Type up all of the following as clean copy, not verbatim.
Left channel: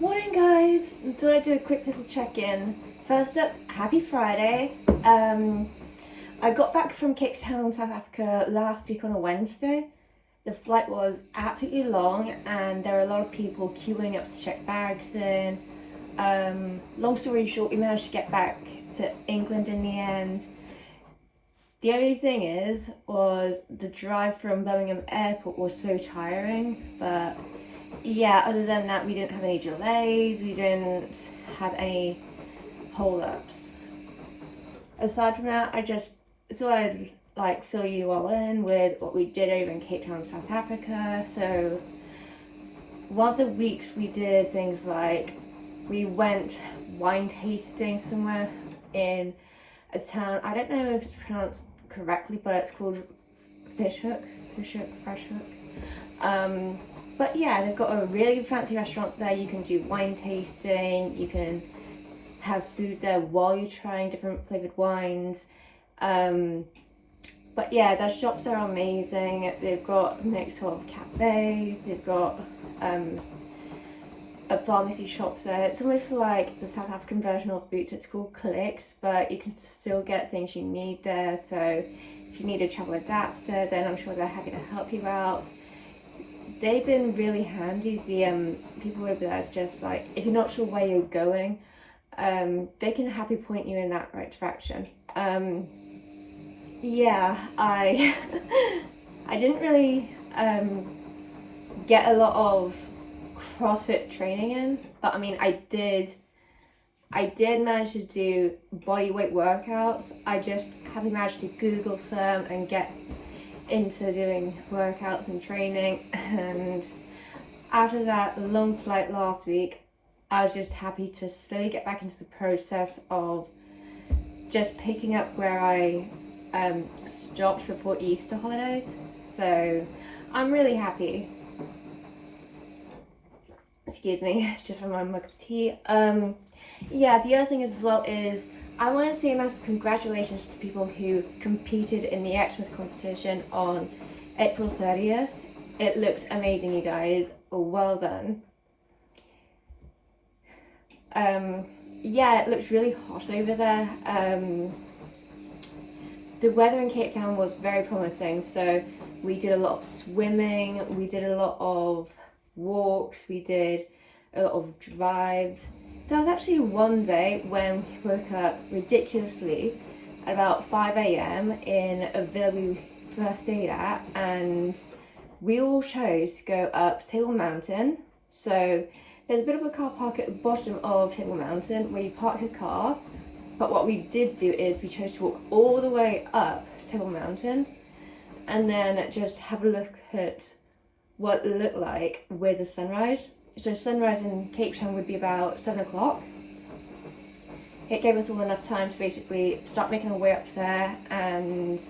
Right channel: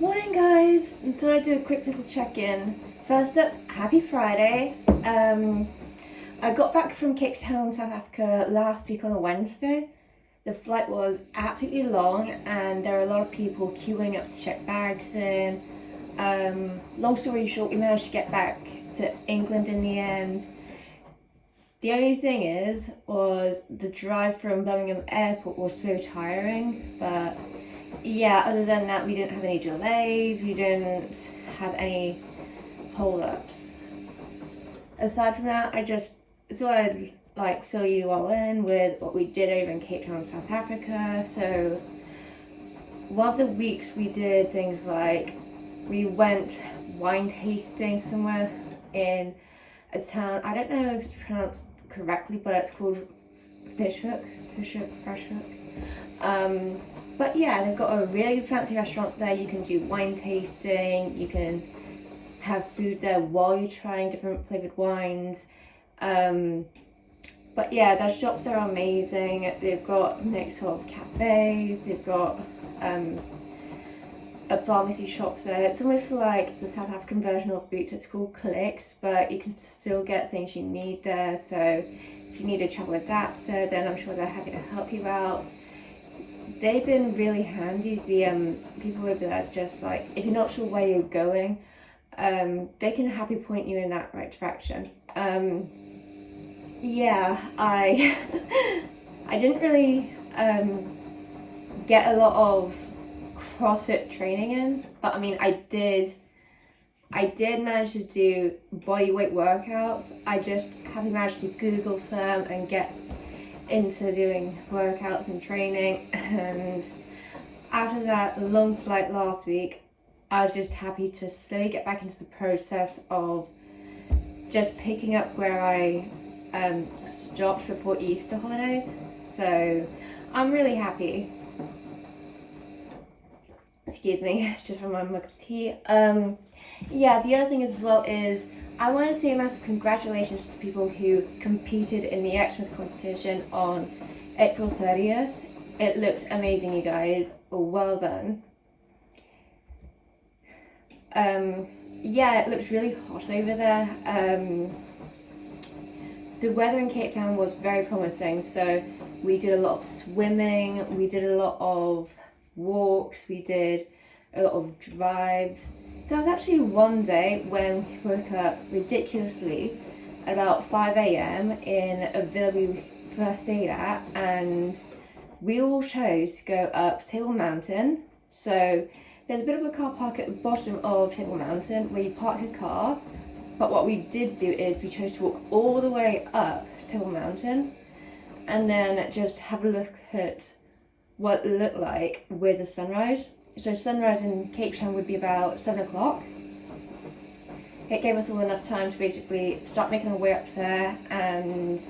Morning guys, thought I'd do a quick little check-in. First up, happy Friday. I got back from Cape Town, South Africa last week on a Wednesday. The flight was absolutely long and there were a lot of people queuing up to check bags in. Long story short, we managed to get back to England in the end. The only thing was the drive from Birmingham Airport was so tiring, but yeah, other than that, we didn't have any delays, we didn't have any hold-ups. Aside from that, I just thought I'd fill you all in with what we did over in Cape Town, South Africa. So one of the weeks we did things like we went wine tasting somewhere in a town, I don't know if it's pronounced correctly, but it's called Freshhoek. But yeah, they've got a really fancy restaurant there. You can do wine tasting, you can have food there while you're trying different flavoured wines. But yeah, their shops are amazing. They've got a mix of cafes, they've got a pharmacy shop there. It's almost like the South African version of Boots. It's called Clicks, but you can still get things you need there. So if you need a travel adapter, then I'm sure they're happy to help you out. They've been really handy. The people over there is just like, if you're not sure where you're going, they can happily point you in that right direction. Yeah, I didn't really get a lot of CrossFit training in, but I mean I did manage to do body weight workouts. I just haven't managed to Google some and get into doing workouts and training, and after that long flight last week I was just happy to slowly get back into the process of just picking up where I stopped before Easter holidays. So I'm really happy. Excuse me, just from my mug of tea. Yeah, the other thing as well is I want to say a massive congratulations to people who competed in the Exmouth competition on April 30th. It looked amazing, you guys. Well done. Yeah, it looks really hot over there. The weather in Cape Town was very promising, so we did a lot of swimming, we did a lot of walks, we did a lot of drives. There was actually one day when we woke up ridiculously at about 5 a.m. in a villa we first stayed at, and we all chose to go up Table Mountain. So there's a bit of a car park at the bottom of Table Mountain where you park your car, but what we did do is we chose to walk all the way up Table Mountain and then just have a look at what it looked like with the sunrise. So sunrise in Cape Town would be about 7 o'clock. It gave us all enough time to basically start making our way up there and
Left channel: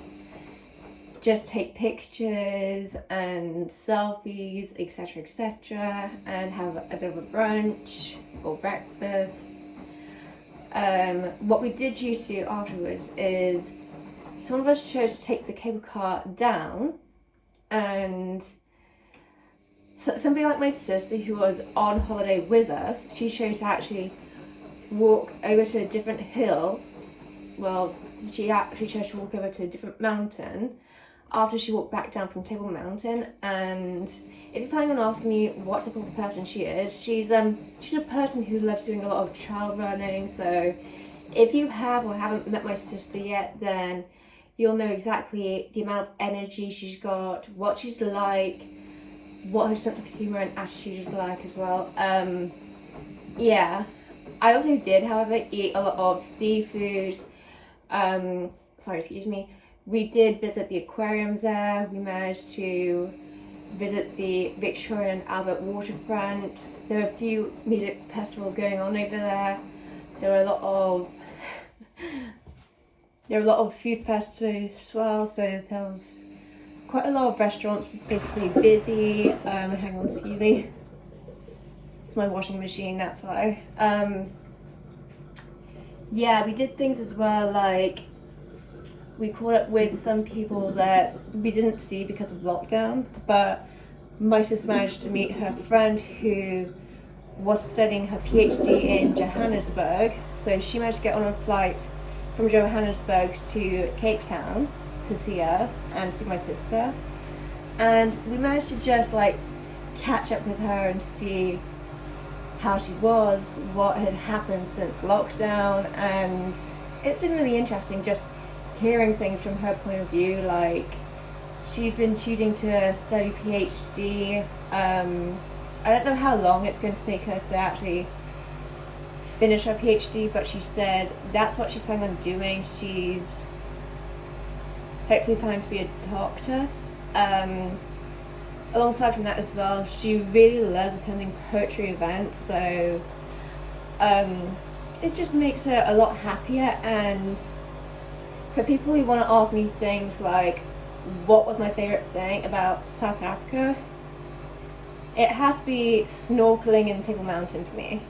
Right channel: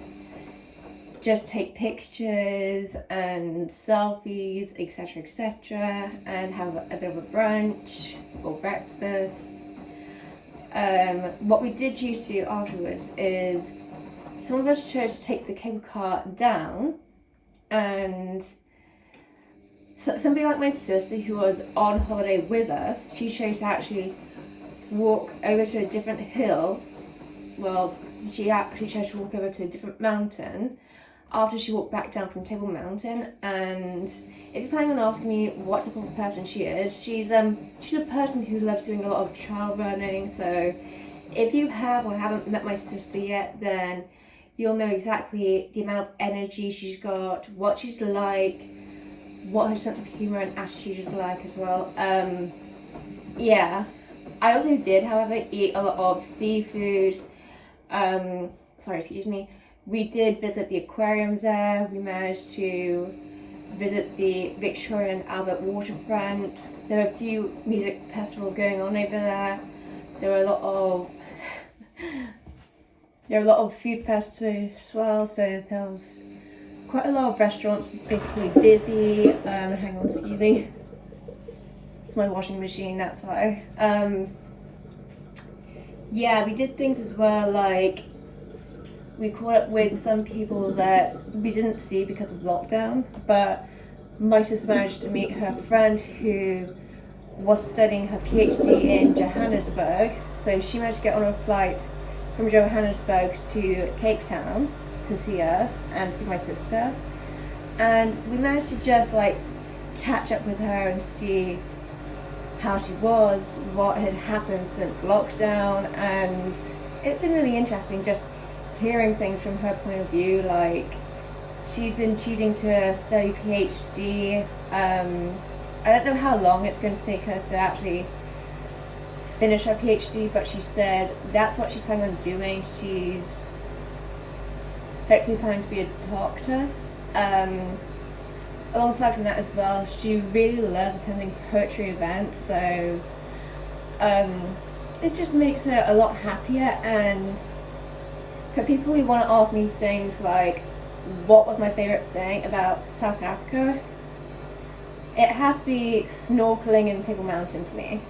just take pictures and selfies, etc., and have a bit of a brunch or breakfast. What we did choose to do afterwards is some of us chose to take the cable car down, and so somebody like my sister who was on holiday with us, she chose to actually walk over to a different hill. Well, she actually chose to walk over to a different mountain after she walked back down from Table Mountain. And if you're planning on asking me what type of person she is, she's a person who loves doing a lot of trail running. So if you have or haven't met my sister yet, then you'll know exactly the amount of energy she's got, what she's like, what her sense of humour and attitude is like as well. Yeah, I also did, however, eat a lot of seafood. Sorry, excuse me. We did visit the aquarium there. We managed to visit the Victoria and Albert waterfront. There were a few music festivals going on over there. There were a lot of food festivals as well. So there was quite a lot of restaurants basically busy. Hang on, excuse me. It's my washing machine, that's why. Yeah, we did things as well, like we caught up with some people that we didn't see because of lockdown, but my sister managed to meet her friend who was studying her PhD in Johannesburg, so she managed to get on a flight from Johannesburg to Cape Town to see us and see my sister, and we managed to just like catch up with her and see how she was, what had happened since lockdown, and it's been really interesting just hearing things from her point of view. Like, she's been choosing to study PhD. I don't know how long it's going to take her to actually finish her PhD, but she said that's what she's planning on doing. She's hopefully planning to be a doctor. Alongside from that as well, she really loves attending poetry events, so it just makes her a lot happier. And for people who want to ask me things like what was my favourite thing about South Africa, it has to be snorkeling in Table Mountain for me.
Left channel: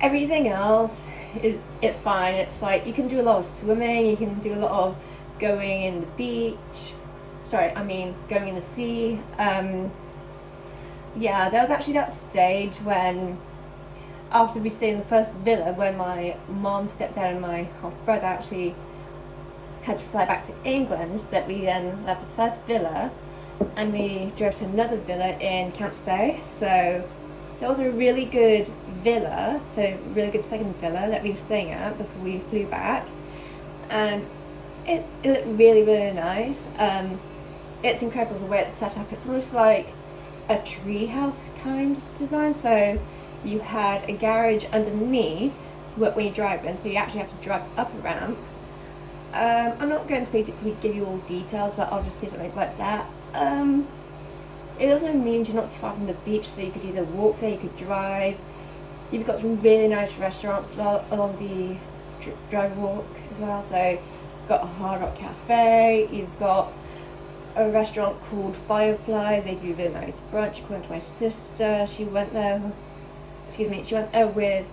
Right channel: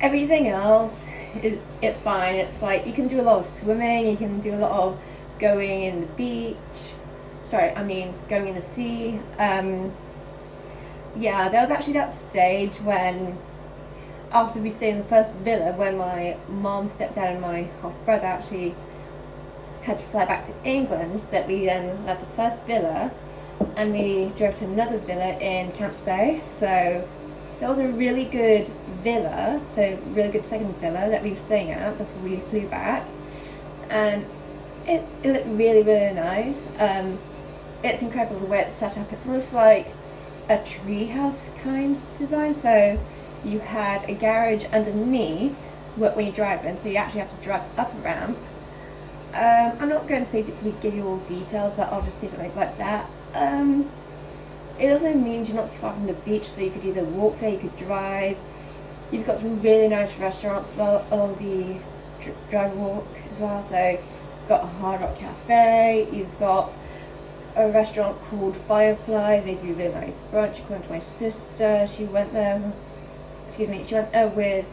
Everything else, it's fine. It's like you can do a lot of swimming, you can do a lot of going in the beach. Going in the sea. Yeah, there was actually that stage when, after we stayed in the first villa, when my mom, stepdad and my half brother actually had to fly back to England, that we then left the first villa and we drove to another villa in Camps Bay. So that was a really good villa, so really good second villa that we were staying at before we flew back, and it looked really, really nice. It's incredible the way it's set up. It's almost like a treehouse kind of design. So you had a garage underneath when you drive in, so you actually have to drive up a ramp. I'm not going to basically give you all details, but I'll just say something like that. It also means you're not too far from the beach, so you could either walk there, you could drive. You've got some really nice restaurants as well along the drive walk as well. So you've got a Hard Rock Cafe, you've got a restaurant called Firefly. They do really nice brunch. According to my sister, she went there with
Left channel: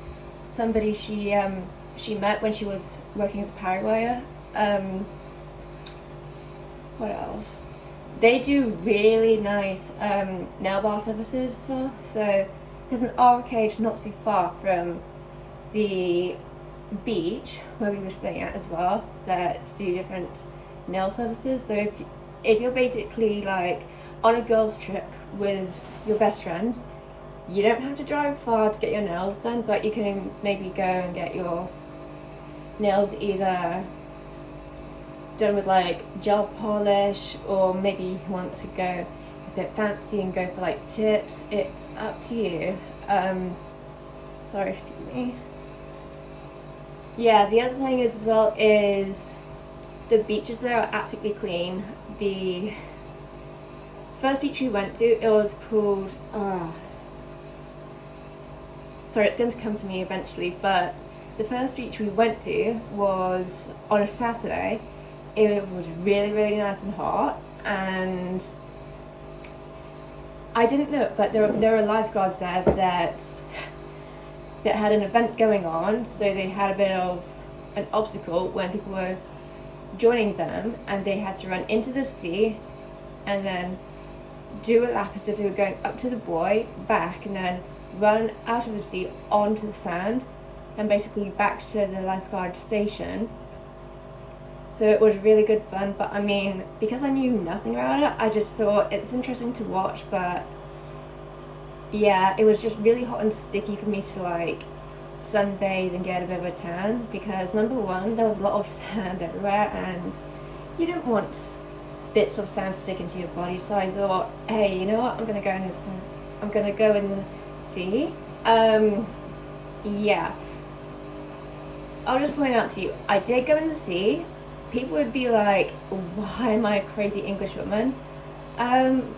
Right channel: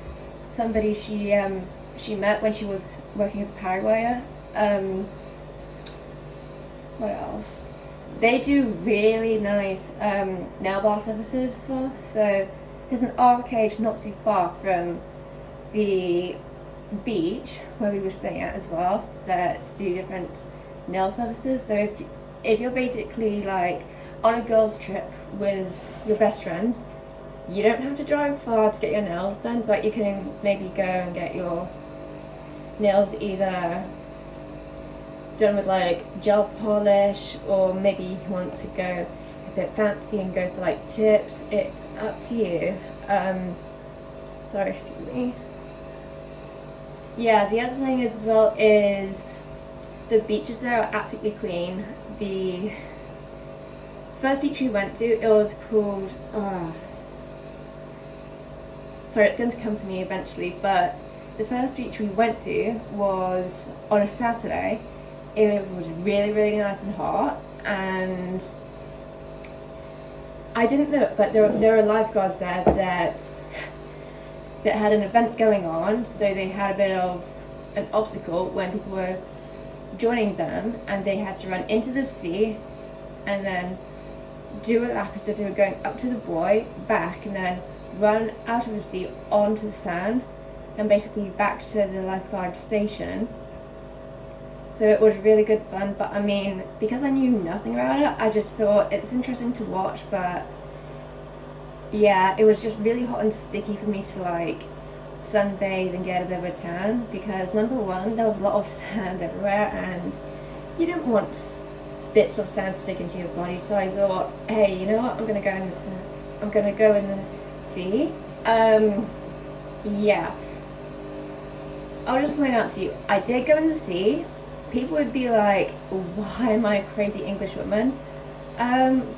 somebody she met when she was working as a paraglider. What else? They do really nice nail bar services as well. So there's an arcade not too far from the beach where we were staying at as well that do different nail services. So if you're basically like on a girls trip with your best friends, you don't have to drive far to get your nails done, but you can maybe go and get your nails either done with like gel polish, or maybe you want to go a bit fancy and go for like tips. It's up to you. Sorry, excuse me. Yeah, the other thing is as well is the beaches there are absolutely clean. The first beach we went to, it was called sorry, it's going to come to me eventually, but the first beach we went to was on a Saturday. It was really, really nice and hot, and I didn't know it, but there were lifeguards there that had an event going on, so they had a bit of an obstacle when people were joining them, and they had to run into the sea and then do a lap as if they were going up to the buoy, back, and then run out of the sea onto the sand and basically back to the lifeguard station. So it was really good fun, but I mean, because I knew nothing about it, I just thought it's interesting to watch. But yeah, it was just really hot and sticky for me to like sunbathe and get a bit of a tan, because number one, there was a lot of sand everywhere and you don't want bits of sand sticking to your body. So I thought, hey, you know what, I'm gonna go in the sea. Yeah, I'll just point out to you, I did go in the sea. People would be like, why am I a crazy English woman?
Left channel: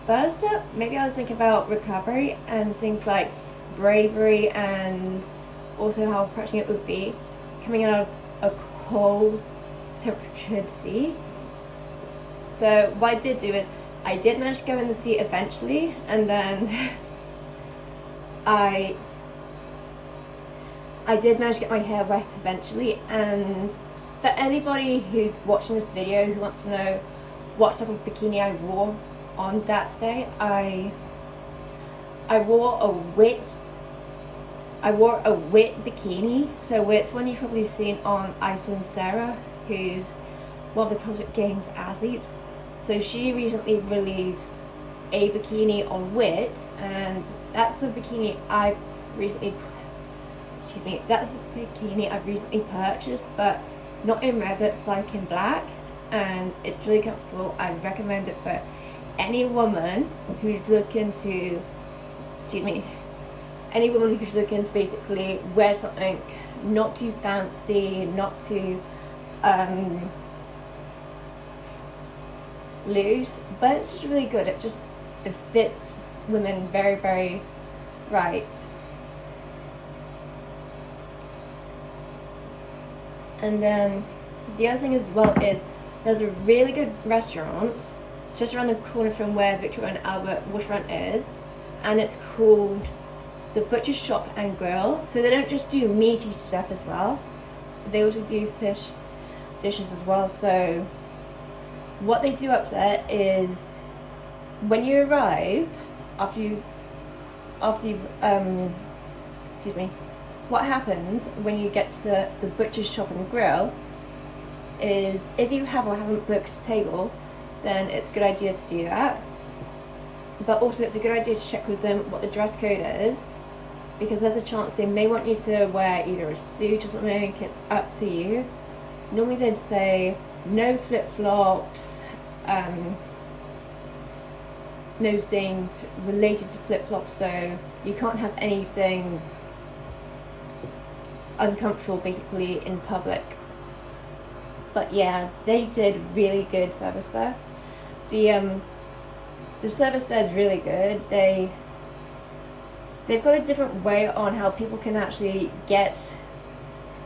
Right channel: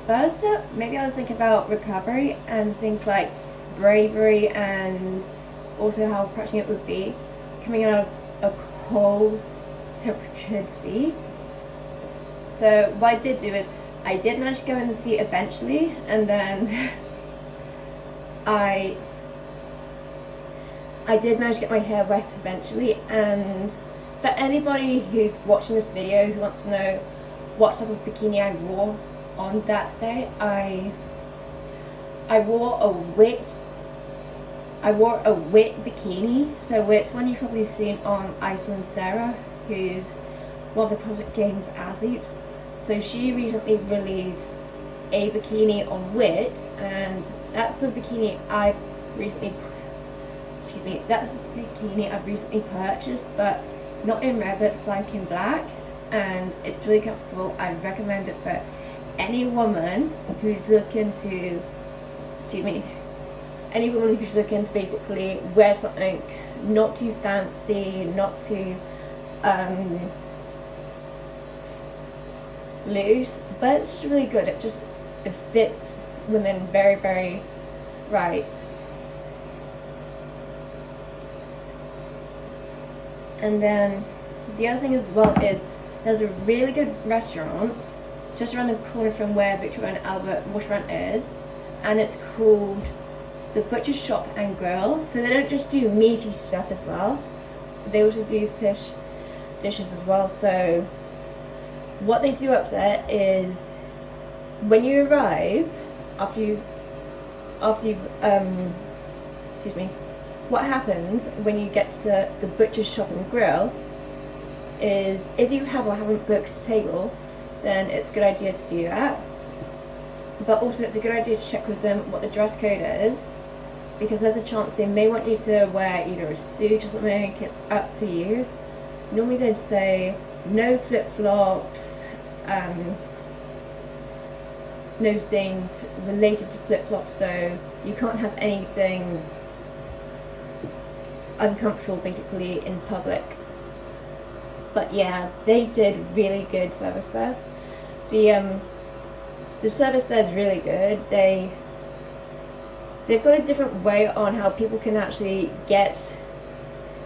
First up, maybe I was thinking about recovery and things like bravery, and also how refreshing it would be coming out of a cold temperatured sea. So what I did do is I did manage to go in the sea eventually, and then I did manage to get my hair wet eventually. And for anybody who's watching this video who wants to know what type of bikini I wore on that day, I I wore a wit bikini, so it's one you've probably seen on Iceland Sarah, who's one of the CrossFit Games athletes. So she recently released a bikini on wit, and that's a bikini I've recently purchased, but not in red, it's like in black, and it's really comfortable. I recommend it for any woman who's looking to basically wear something not too fancy, not too loose, but it's really good. It fits women very, very right. And then the other thing as well is there's a really good restaurant just around the corner from where Victoria and Albert Waterfront is, and it's called the Butcher's Shop and Grill. So they don't just do meaty stuff as well, they also do fish dishes as well. So what they do up there is when you arrive, what happens when you get to the Butcher's Shop and Grill is if you have or haven't booked a table, then it's a good idea to do that. But also it's a good idea to check with them what the dress code is, because there's a chance they may want you to wear either a suit or something. It's up to you. Normally they'd say no flip-flops, no things related to flip-flops, so you can't have anything uncomfortable basically in public. But yeah, they did really good service there. The service there is really good. They've got a different way on how people can actually get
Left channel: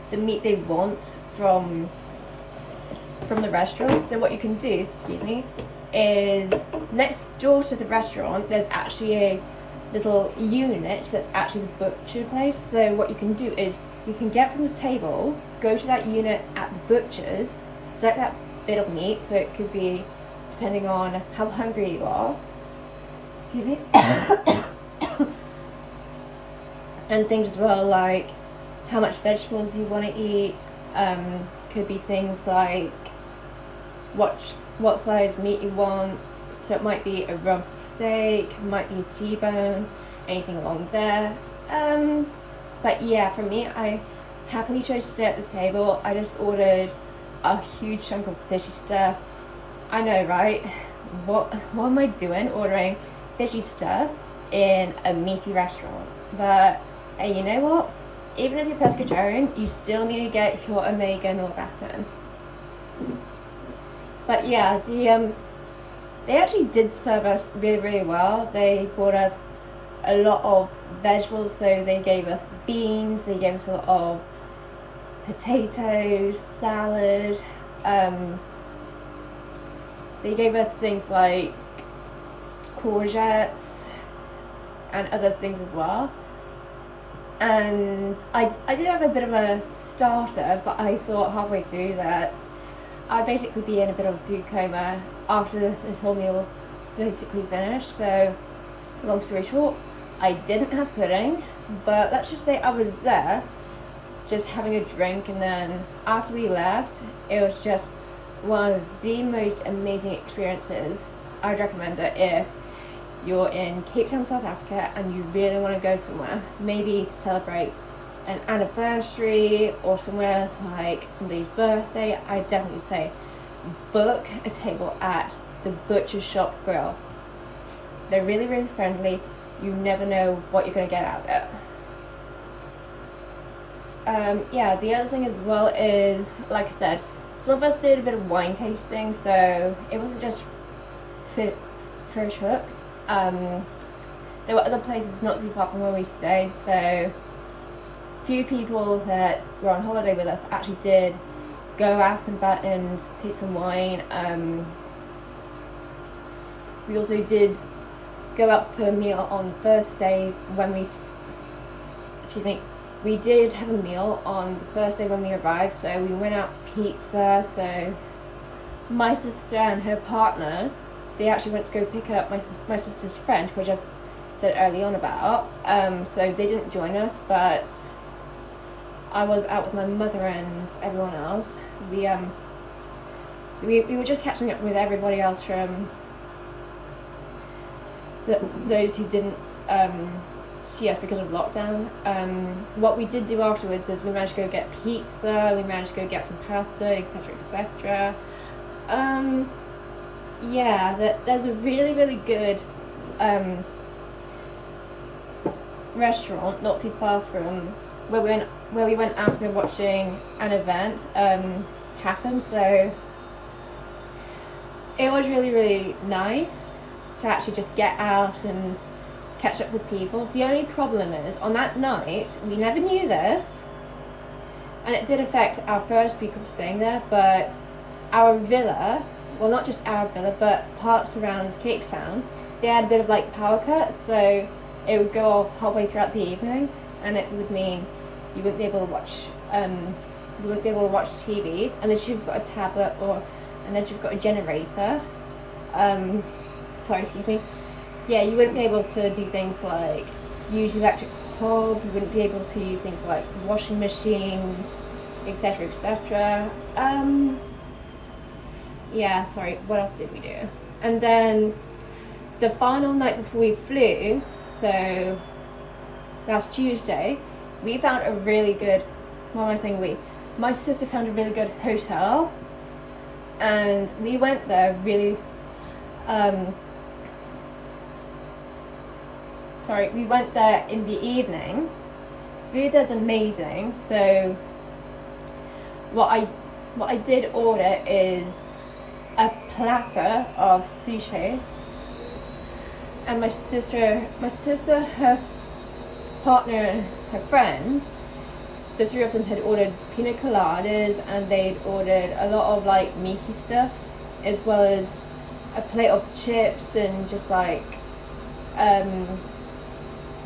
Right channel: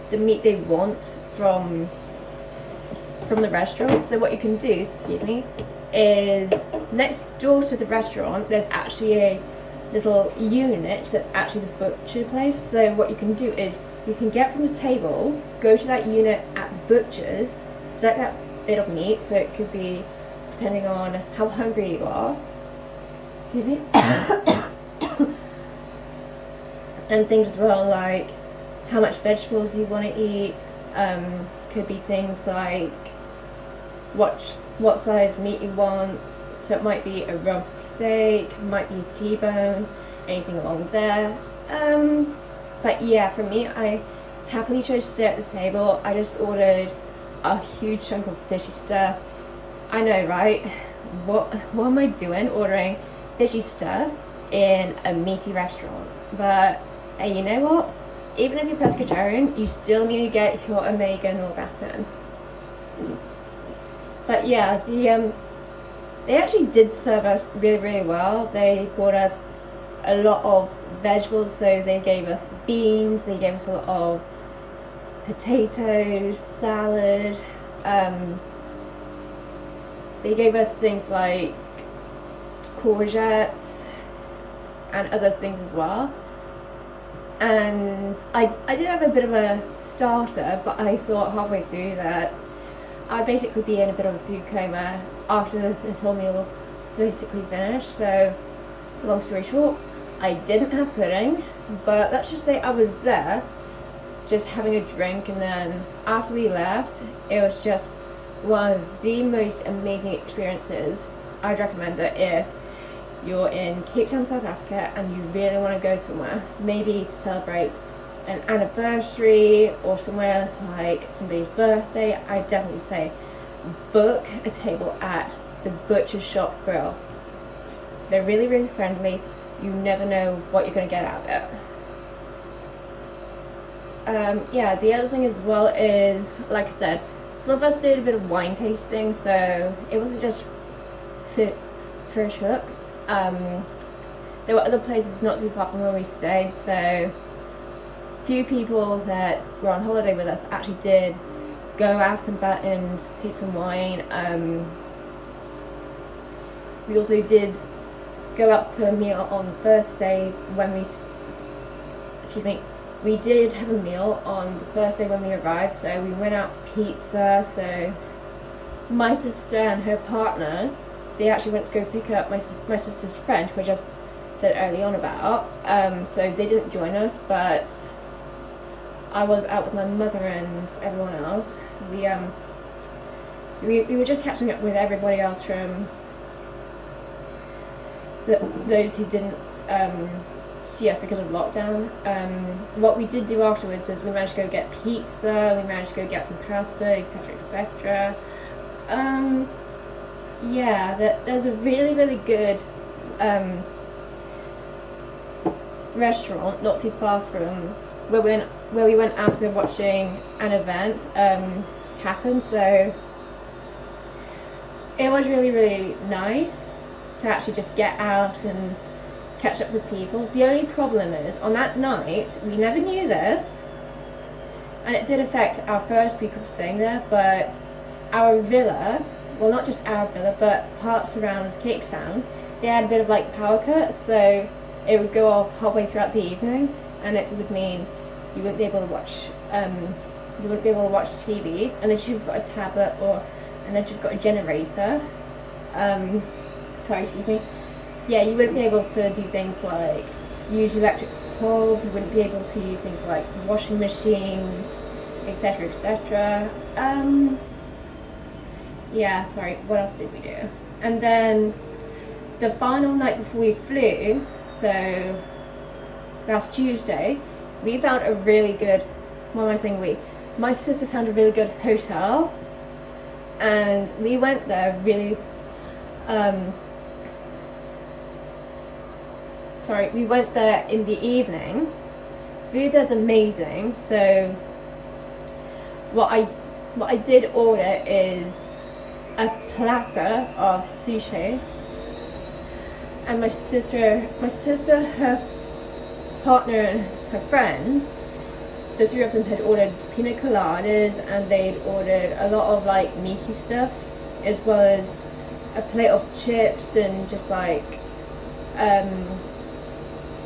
the meat they want from the restaurant. So what you can do, is next door to the restaurant there's actually a little unit that's actually the butcher place. So what you can do is you can get from the table, go to that unit at the butcher's, select that bit of meat. So it could be, depending on how hungry you are, and things as well like how much vegetables you want to eat. Could be things like what size meat you want. So it might be a rump steak, it might be a T-bone, anything along there. But yeah, for me, I happily chose to stay at the table. I just ordered a huge chunk of fishy stuff. I know, right? What am I doing ordering fishy stuff in a meaty restaurant? But hey, you know what? Even if you're pescatarian, you still need to get your omega norgatin. But yeah, they actually did serve us really, really well. They brought us a lot of vegetables, so they gave us beans, they gave us a lot of potatoes, salad, they gave us things like courgettes and other things as well. And I did have a bit of a starter, but I thought halfway through that I'd basically be in a bit of a food coma after this whole meal was basically finished. So long story short, I didn't have pudding, but let's just say I was there just having a drink, and then after we left, it was just one of the most amazing experiences. I'd recommend it if you're in Cape Town, South Africa, and you really want to go somewhere, maybe to celebrate an anniversary or somewhere like somebody's birthday. I definitely say book a table at the Butcher's Shop Grill. They're really, really friendly. You never know what you're going to get out of it. Yeah, the other thing as well is, like I said, some of us did a bit of wine tasting, so it wasn't just Fish Hook. There were other places not too far from where we stayed, so few people that were on holiday with us actually did go out and about and take some wine. We also did go out for a meal on the first day when we did have a meal on the first day when we arrived, so we went out for pizza. So my sister and her partner, they actually went to go pick up my sister's friend, who had just said early on about. So they didn't join us, but I was out with my mother and everyone else. We were just catching up with everybody else from those who didn't see us because of lockdown. What we did do afterwards is we managed to go get pizza, we managed to go get some pasta, etc, etc. Yeah, there's a really, really good restaurant not too far from where we went after watching an event happen, so it was really, really nice to actually just get out and catch up with people. The only problem is, on that night, we never knew this, and it did affect our first week of staying there, but our villa, well, not just our villa, but parts around Cape Town, they had a bit of like power cuts, so it would go off halfway throughout the evening, and it would mean you wouldn't be able to watch TV unless you've got a tablet or unless you've got a generator. Sorry, excuse me. Yeah, you wouldn't be able to do things like use electric hob, you wouldn't be able to use things like washing machines, etc, etc. Yeah, sorry, what else did we do? And then the final night before we flew, so last Tuesday, we found a really good, what am I saying we? My sister found a really good hotel, and we went there really, we went there in the evening. Food is amazing, so what I did order is a platter of sushi, and my sister, her partner and her friend, the three of them had ordered pina coladas, and they'd ordered a lot of like meaty stuff, as well as a plate of chips and just like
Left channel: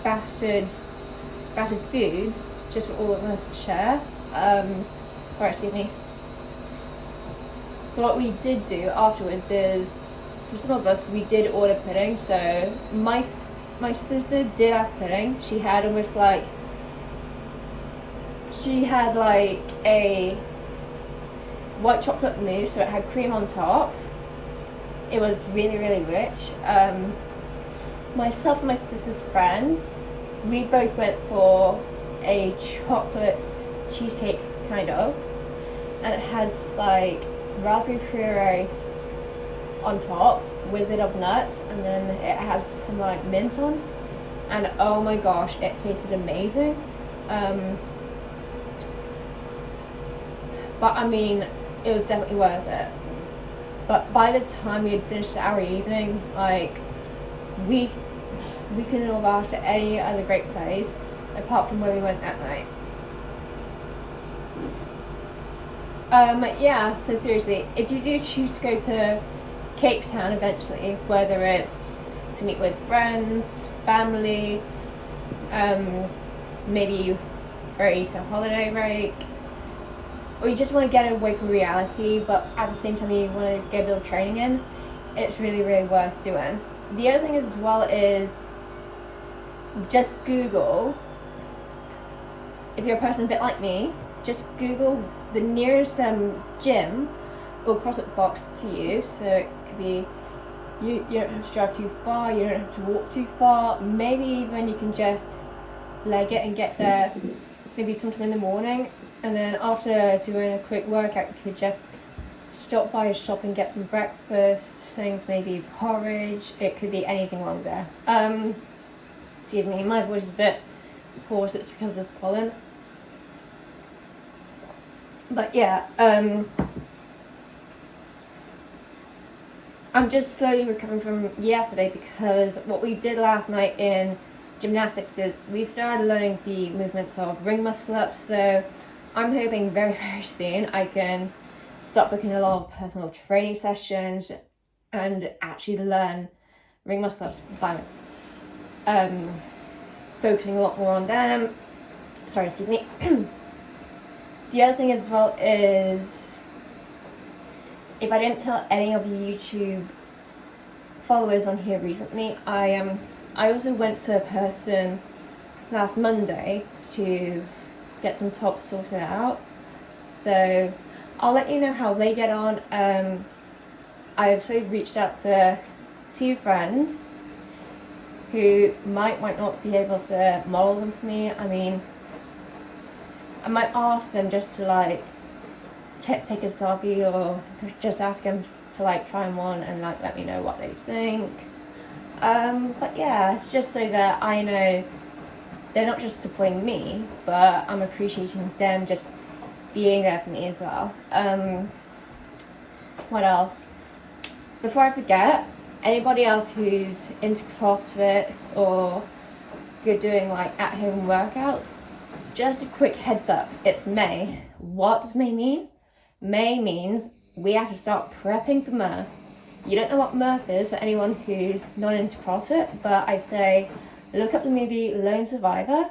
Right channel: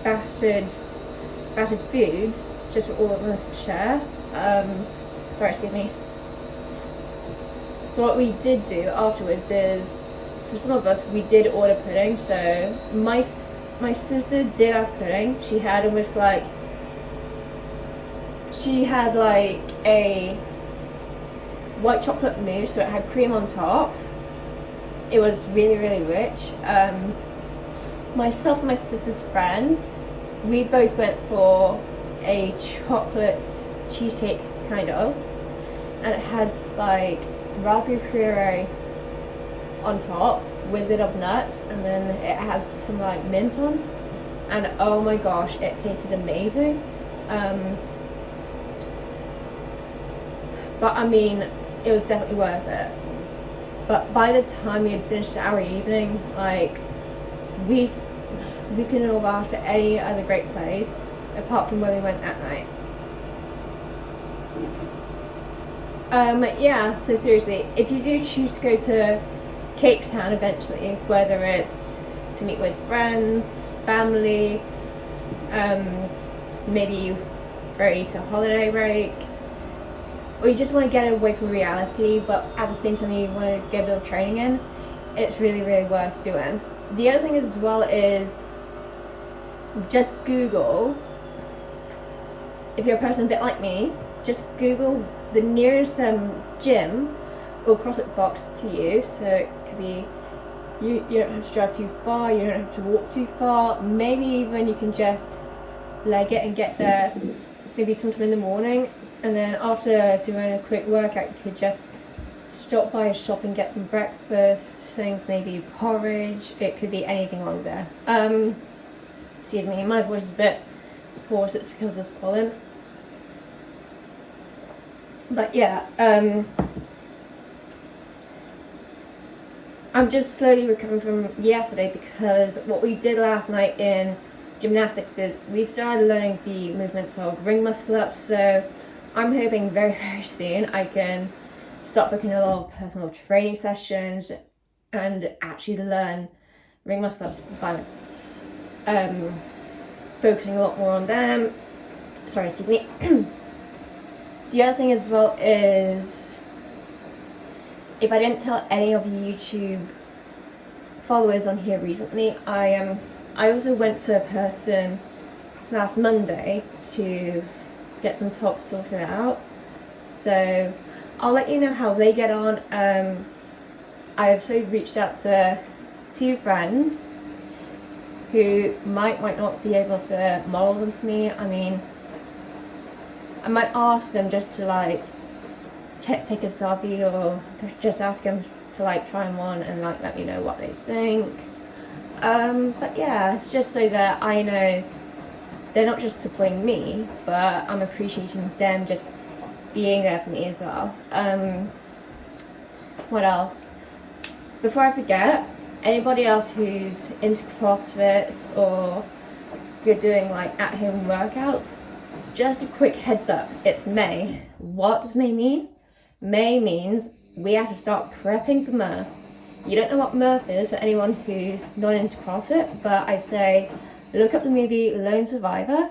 battered foods, just for all of us to share. Sorry, excuse me. So what we did do afterwards is, for some of us, we did order pudding. So my sister did have pudding. She had almost like, she had like a white chocolate mousse, so it had cream on top. It was really, really rich. Myself and my sister's friend, we both went for a chocolate cheesecake, kind of, and it has like raspberry puree on top with a bit of nuts, and then it has some like mint on, and oh my gosh, it tasted amazing. But I mean, it was definitely worth it. But by the time we had finished our evening, like, we couldn't have asked for any other great place apart from where we went that night. Yeah, so seriously, if you do choose to go to Cape Town eventually, whether it's to meet with friends, family, maybe for a Easter holiday break, or you just want to get away from reality, but at the same time you want to get a bit of training in, it's really, really worth doing. The other thing as well is just Google, if you're a person a bit like me, just Google the nearest gym or CrossFit box to you. So it could be, you don't have to drive too far, you don't have to walk too far, maybe even you can just leg it and get there maybe sometime in the morning, and then after doing a quick workout you could just stop by a shop and get some breakfast things, maybe porridge, it could be anything along there. Excuse me, my voice is a bit hoarse, it's because of this pollen. But yeah, I'm just slowly recovering from yesterday, because what we did last night in gymnastics is we started learning the movements of ring muscle ups, so I'm hoping very, very soon I can start booking a lot of personal training sessions and actually learn ring muscle ups by focusing a lot more on them. Sorry, excuse me. The other thing as well is, if I didn't tell any of you YouTube followers on here recently, I I also went to a person last Monday to get some tops sorted out, so I'll let you know how they get on. I also reached out to 2 friends who might not be able to model them for me. I mean, I might ask them just to like take a selfie, or just ask them to like try them on and like let me know what they think. But yeah, it's just so that I know they're not just supporting me, but I'm appreciating them just being there for me as well. What else? Before I forget, anybody else who's into CrossFit or you're doing like at-home workouts, just a quick heads up, it's May. What does May mean? May means we have to start prepping for Murph. You don't know what Murph is for anyone who's not into CrossFit, but I say look up the movie Lone Survivor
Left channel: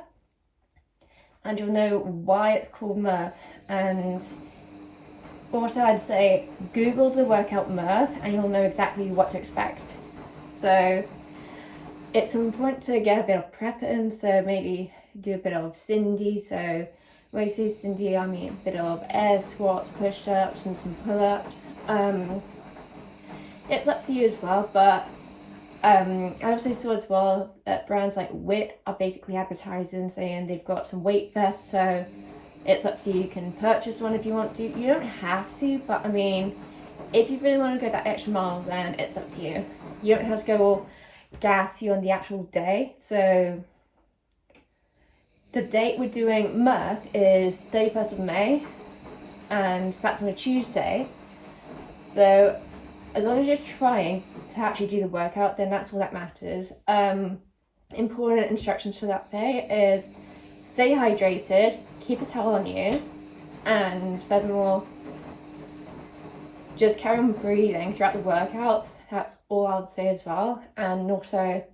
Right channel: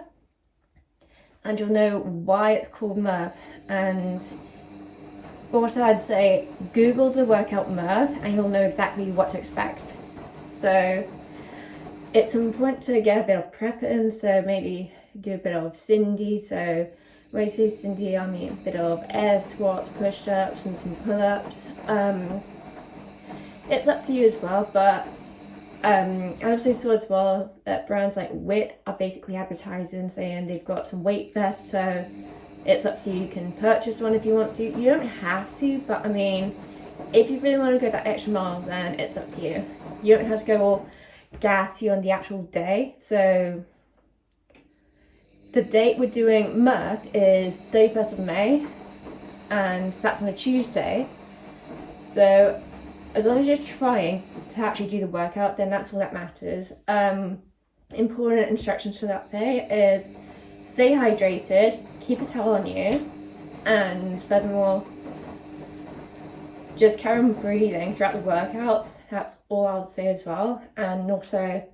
and you'll know why it's called Murph. And also I'd say Google the workout Murph and you'll know exactly what to expect. So it's important to get a bit of prep in, so maybe do a bit of Cindy. So when I say Cindy, I mean a bit of air squats, push-ups and some pull-ups. It's up to you as well, but I also saw as well that brands like WIT are basically advertising saying they've got some weight vests, so it's up to you. You can purchase one if you want to. You don't have to, but I mean, if you really want to go that extra mile, then it's up to you. You don't have to go all gassy on the actual day. So the date we're doing Murph is 31st of May, and that's on a Tuesday. So as long as you're trying to actually do the workout, then that's all that matters. Important instructions for that day is stay hydrated, keep a towel on you, and furthermore, just carry on breathing throughout the workouts. That's all I'll say as well. And also,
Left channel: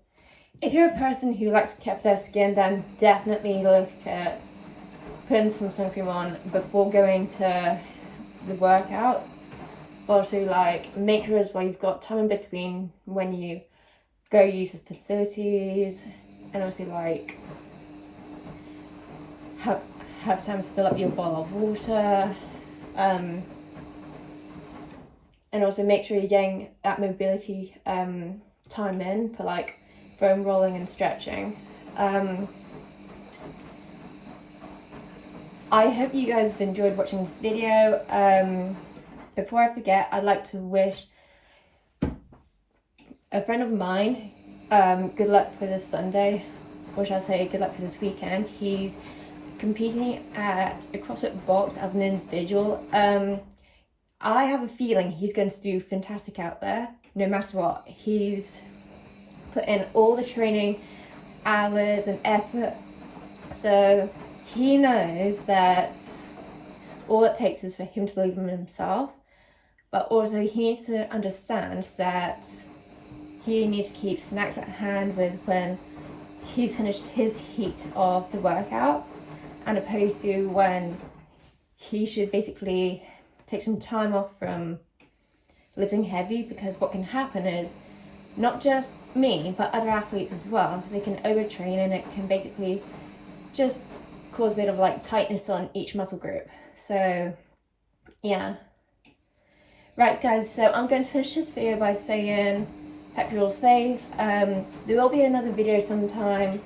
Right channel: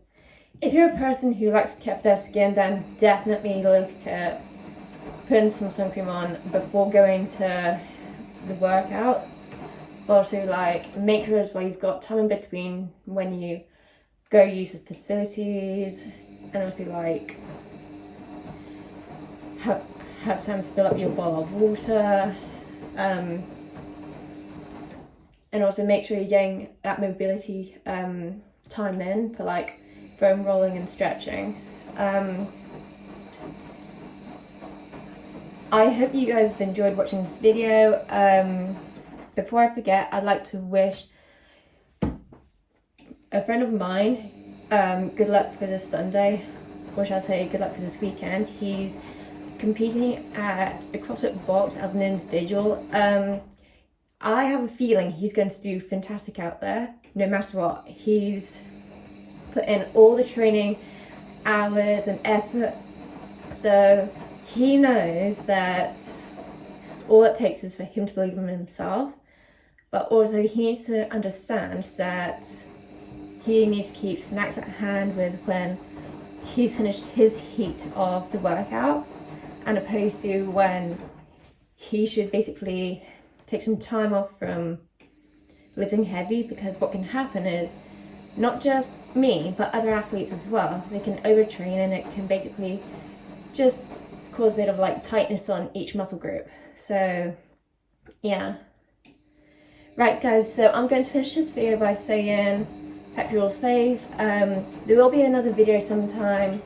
if you're a person who likes to keep their skin, then definitely look at putting some sun cream on before going to the workout. Also, like, make sure as well you've got time in between when you go use the facilities, and also like have time to fill up your bottle of water, and also make sure you're getting that mobility time in for like foam rolling and stretching. I hope you guys have enjoyed watching this video. Before I forget, I'd like to wish a friend of mine good luck for this Sunday, or shall I say good luck for this weekend. He's competing at a CrossFit Box as an individual. I have a feeling he's going to do fantastic out there, no matter what. He's put in all the training hours and effort, so he knows that all it takes is for him to believe in himself. But also he needs to understand that he needs to keep snacks at hand with when he's finished his heat of the workout, and opposed to when he should basically take some time off from lifting heavy, because what can happen is not just me but other athletes as well, they can overtrain and it can basically just cause a bit of like tightness on each muscle group. So yeah, right guys, so I'm going to finish this video by saying hope you're all safe. There will be another video sometime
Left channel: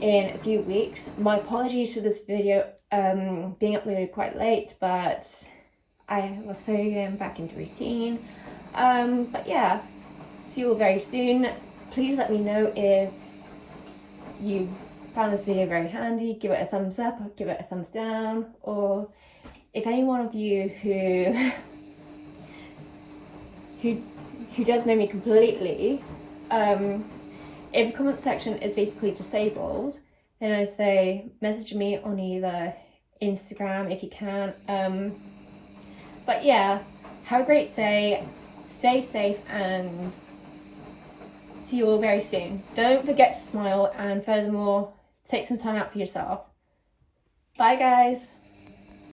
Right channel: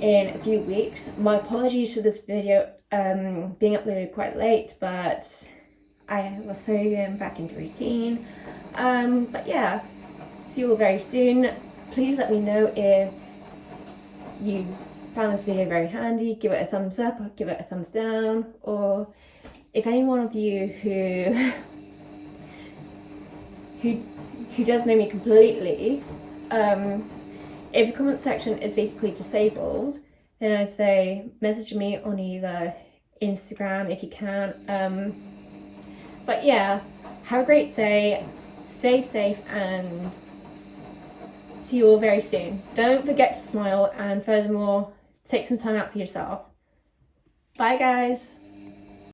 in a few weeks. My apologies for this video being uploaded quite late, but I was so back into routine. But yeah, see you all very soon. Please let me know if you found this video very handy. Give it a thumbs up or give it a thumbs down, or if any one of you who does know me completely, if the comment section is basically disabled, then I'd say message me on either Instagram if you can. But yeah, have a great day, stay safe, and see you all very soon. Don't forget to smile, and furthermore, take some time out for yourself. Bye guys.